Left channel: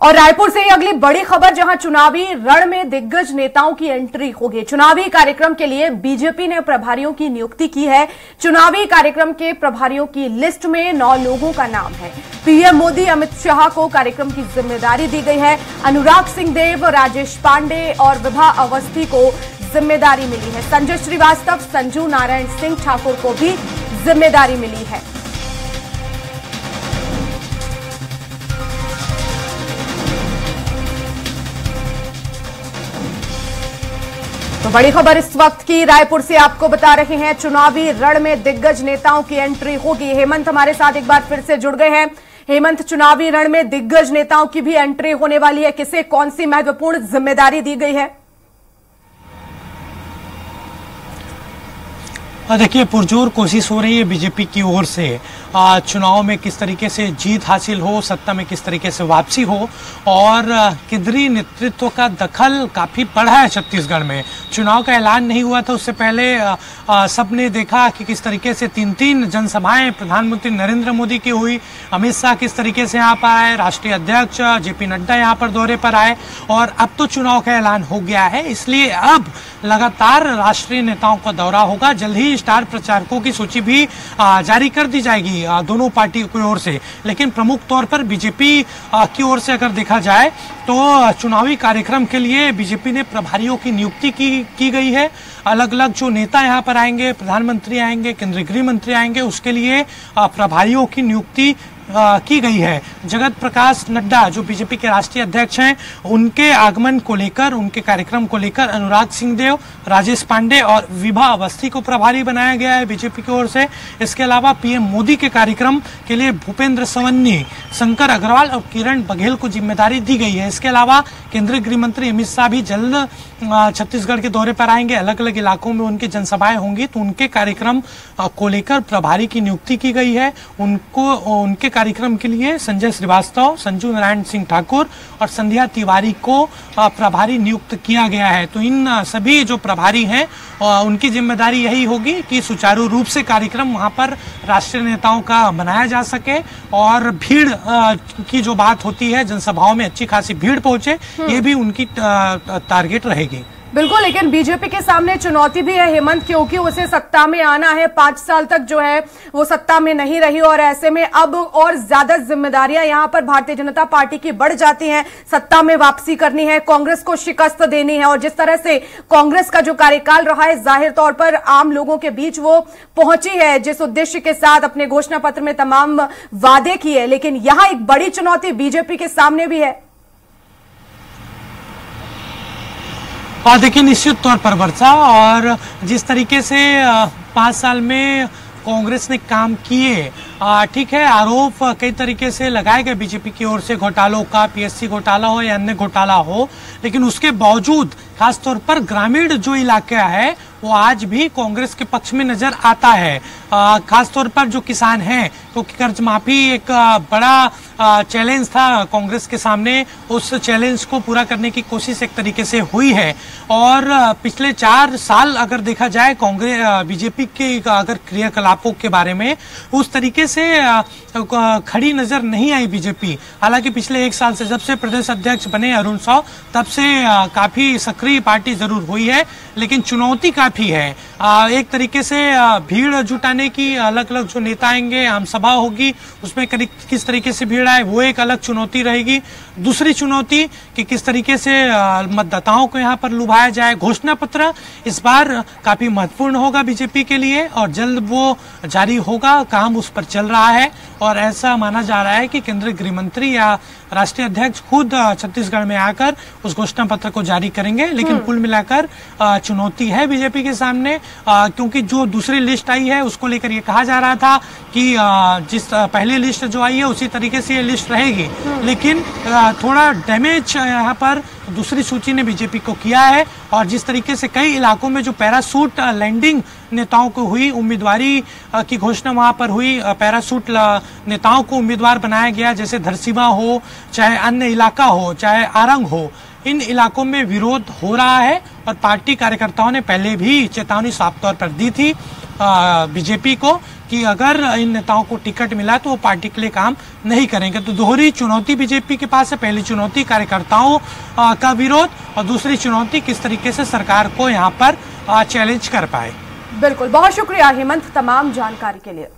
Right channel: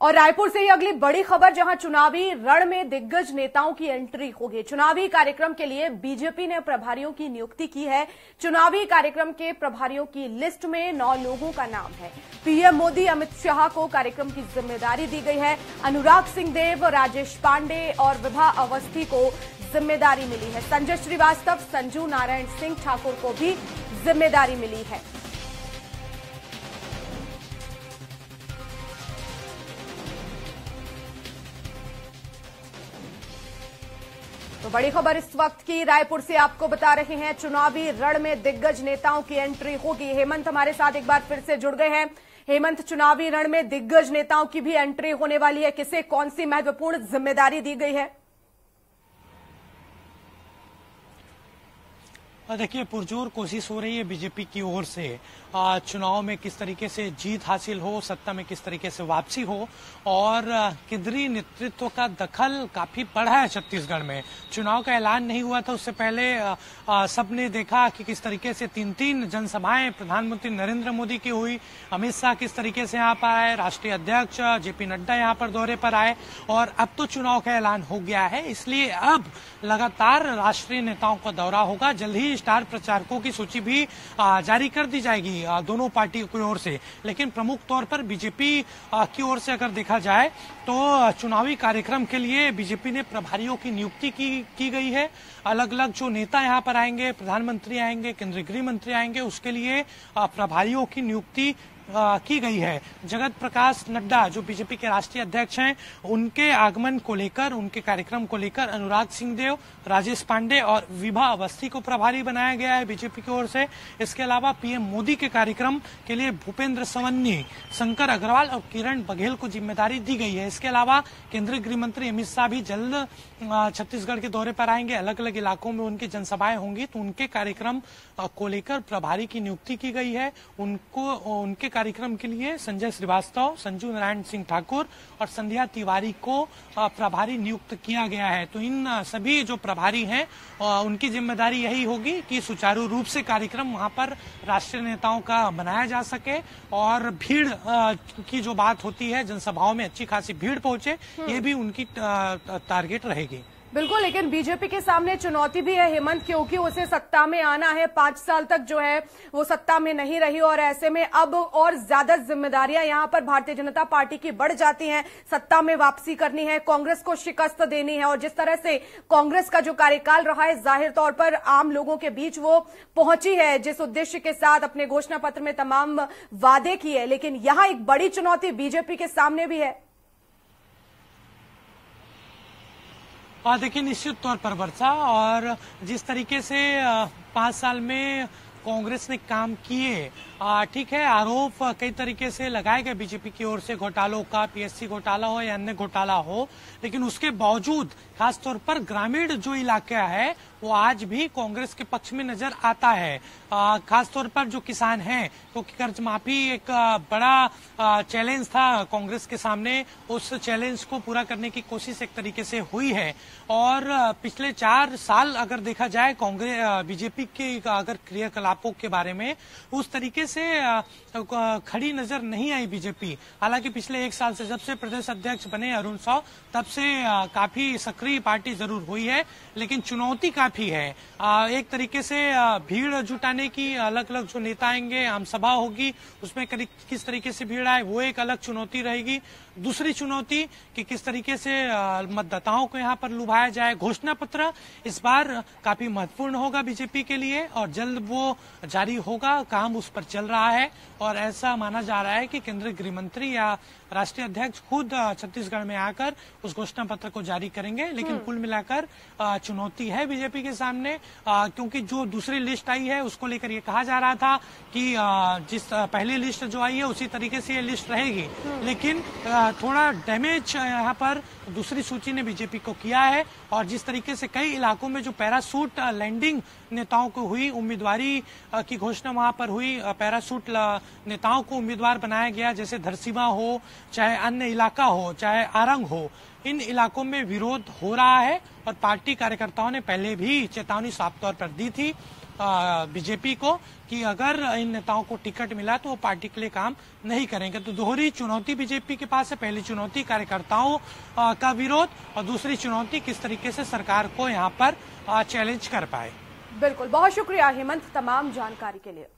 और रायपुर से ही अगली बड़ी खबर, जहां चुनावी रण में दिग्गज नेताओं की एंट्री होगी। चुनावी कार्यक्रम के लिए बीजेपी ने प्रभारियों की नियुक्ति की है। चुनावी कार्यक्रम के प्रभारियों की लिस्ट में 9 लोगों का नाम है। पीएम मोदी, अमित शाह को कार्यक्रम की जिम्मेदारी दी गई है। अनुराग सिंहदेव, राजेश पांडे और विभा अवस्थी को जिम्मेदारी मिली है। संजय श्रीवास्तव, संजू नारायण सिंह ठाकुर को भी जिम्मेदारी मिली है। तो बड़ी खबर इस वक्त की रायपुर से आपको बता रहे हैं, चुनावी रण में दिग्गज नेताओं की एंट्री होगी। हेमंत हमारे साथ एक बार फिर से जुड़ गए हैं। हेमंत, चुनावी रण में दिग्गज नेताओं की भी एंट्री होने वाली है, किसे कौन सी महत्वपूर्ण जिम्मेदारी दी गई है? देखिए, पुरजोर कोशिश हो रही है बीजेपी की ओर से चुनाव में किस तरीके से जीत हासिल हो, सत्ता में किस तरीके से वापसी हो, और केंद्रीय नेतृत्व का दखल काफी बढ़ा है छत्तीसगढ़ में। चुनाव का ऐलान नहीं हुआ था उससे पहले सबने देखा कि किस तरीके से 3-3 जनसभाएं प्रधानमंत्री नरेंद्र मोदी की हुई। अमित शाह किस तरीके से यहाँ पर आए, राष्ट्रीय अध्यक्ष जेपी नड्डा यहाँ पर दौरे पर आए, और अब तो चुनाव का ऐलान हो गया है। इसलिए अब लगातार राष्ट्रीय नेताओं का दौरा होगा। जल्द ही स्टार प्रचारकों की सूची भी जारी कर दी जाएगी दोनों पार्टियों की ओर से। लेकिन प्रमुख तौर पर बीजेपी की ओर से अगर देखा जाए तो चुनावी कार्यक्रम के लिए बीजेपी ने प्रभारियों की नियुक्ति की गई है। अलग अलग जो नेता यहाँ पर आएंगे, प्रधानमंत्री आएंगे, केंद्रीय गृह मंत्री आएंगे, उसके लिए प्रभारियों की नियुक्ति की गई है। जगत प्रकाश नड्डा जो बीजेपी के राष्ट्रीय अध्यक्ष हैं, उनके आगमन को लेकर, उनके कार्यक्रम को लेकर अनुराग सिंहदेव, राजेश पांडे और विभा अवस्थी को प्रभारी बनाया गया है बीजेपी की ओर से। इसके अलावा पीएम मोदी के कार्यक्रम के लिए भूपेंद्र सवन्नी, शंकर अग्रवाल और किरण बघेल को जिम्मेदारी दी गई है। इसके अलावा केंद्रीय गृह मंत्री अमित शाह भी जल्द छत्तीसगढ़ के दौरे पर आएंगे। अलग अलग इलाकों में उनकी जनसभाएं होंगी, तो उनके कार्यक्रम को लेकर प्रभारी की नियुक्ति की गई है। उनके कार्यक्रम के लिए संजय श्रीवास्तव, संजू नारायण सिंह ठाकुर और संध्या तिवारी को प्रभारी नियुक्त किया गया है। तो इन सभी जो प्रभारी हैं उनकी जिम्मेदारी यही होगी कि सुचारू रूप से कार्यक्रम वहां पर राष्ट्रीय नेताओं का मनाया जा सके, और भीड़ की जो बात होती है, जनसभाओं में अच्छी खासी भीड़ पहुंचे, ये भी उनकी टारगेट रहेगी। बिल्कुल, लेकिन बीजेपी के सामने चुनौती भी है हेमंत, क्योंकि उसे सत्ता में आना है। 5 साल तक जो है वो सत्ता में नहीं रही, और ऐसे में अब और ज्यादा जिम्मेदारियां यहां पर भारतीय जनता पार्टी की बढ़ जाती हैं। सत्ता में वापसी करनी है, कांग्रेस को शिकस्त देनी है, और जिस तरह से कांग्रेस का जो कार्यकाल रहा है, जाहिर तौर पर आम लोगों के बीच वो पहुंची है जिस उद्देश्य के साथ अपने घोषणा पत्र में तमाम वादे किए। लेकिन यहां एक बड़ी चुनौती बीजेपी के सामने भी है। और देखिए, निश्चित तौर पर वर्षा, और जिस तरीके से 5 साल में कांग्रेस ने काम किए, ठीक है, आरोप कई तरीके से लगाए गए बीजेपी की ओर से, घोटालों का, पीएससी घोटाला हो या अन्य घोटाला हो, लेकिन उसके बावजूद खासतौर पर ग्रामीण जो इलाका है वो आज भी कांग्रेस के पक्ष में नजर आता है। खासतौर पर जो किसान हैं, क्योंकि कर्ज माफी एक बड़ा चैलेंज था कांग्रेस के सामने, उस चैलेंज को पूरा करने की कोशिश एक तरीके से हुई है। और पिछले 4 साल अगर देखा जाए कांग्रेस बीजेपी के अगर क्रियाकलापों के बारे में, उस तरीके से खड़ी नजर नहीं आई बीजेपी। हालांकि पिछले 1 साल से जब से प्रदेश अध्यक्ष बने अरुण साव, तब से काफी सक्रिय पार्टी जरूर हुई है, लेकिन चुनौती काफी है। एक तरीके से भीड़ जुटाने की, अलग अलग जो नेता आएंगे, आम सभा होगी, उसमें किस तरीके से भीड़ आए, वो एक अलग चुनौती रहेगी। दूसरी चुनौती कि किस तरीके से मतदाताओं को यहाँ पर लुभाया जाए। घोषणा पत्र इस बार काफी महत्वपूर्ण होगा बीजेपी के लिए, और जल्द वो जारी होगा, काम उस पर चल रहा है, और ऐसा माना जा रहा है कि केंद्रीय गृह मंत्री या राष्ट्रीय अध्यक्ष खुद छत्तीसगढ़ में आकर उस घोषणा पत्र को जारी करेंगे। लेकिन कुल मिलाकर चुनौती है बीजेपी के सामने, क्योंकि जो दूसरी लिस्ट आई है उसको लेकर ये कहा जा रहा था कि जिस पहली लिस्ट जो आई है उसी तरीके से ये लिस्ट रहेगी, लेकिन थोड़ा डैमेज यहाँ पर दूसरी सूची ने बीजेपी को किया है। और जिस तरीके से कई इलाकों में जो पैरासूट लैंडिंग नेताओं को हुई, उम्मीदवारी की घोषणा वहां पर हुई, पैरासूट नेताओं को उम्मीदवार बनाया गया, जैसे धरसीवा हो, चाहे अन्य इलाका हो, चाहे आरंग हो, इन इलाकों में विरोध हो रहा है। और पार्टी कार्यकर्ताओं ने पहले भी चेतावनी साफ तौर पर दी थी बीजेपी को कि अगर इन नेताओं को टिकट मिला तो वो पार्टी के लिए काम नहीं करेंगे। तो दोहरी चुनौती बीजेपी के पास है। पहली चुनौती कार्यकर्ताओं का विरोध और दूसरी चुनौती किस तरीके से सरकार को यहाँ पर चैलेंज कर पाए। बिल्कुल, बहुत शुक्रिया हेमंत तमाम जानकारी के लिए।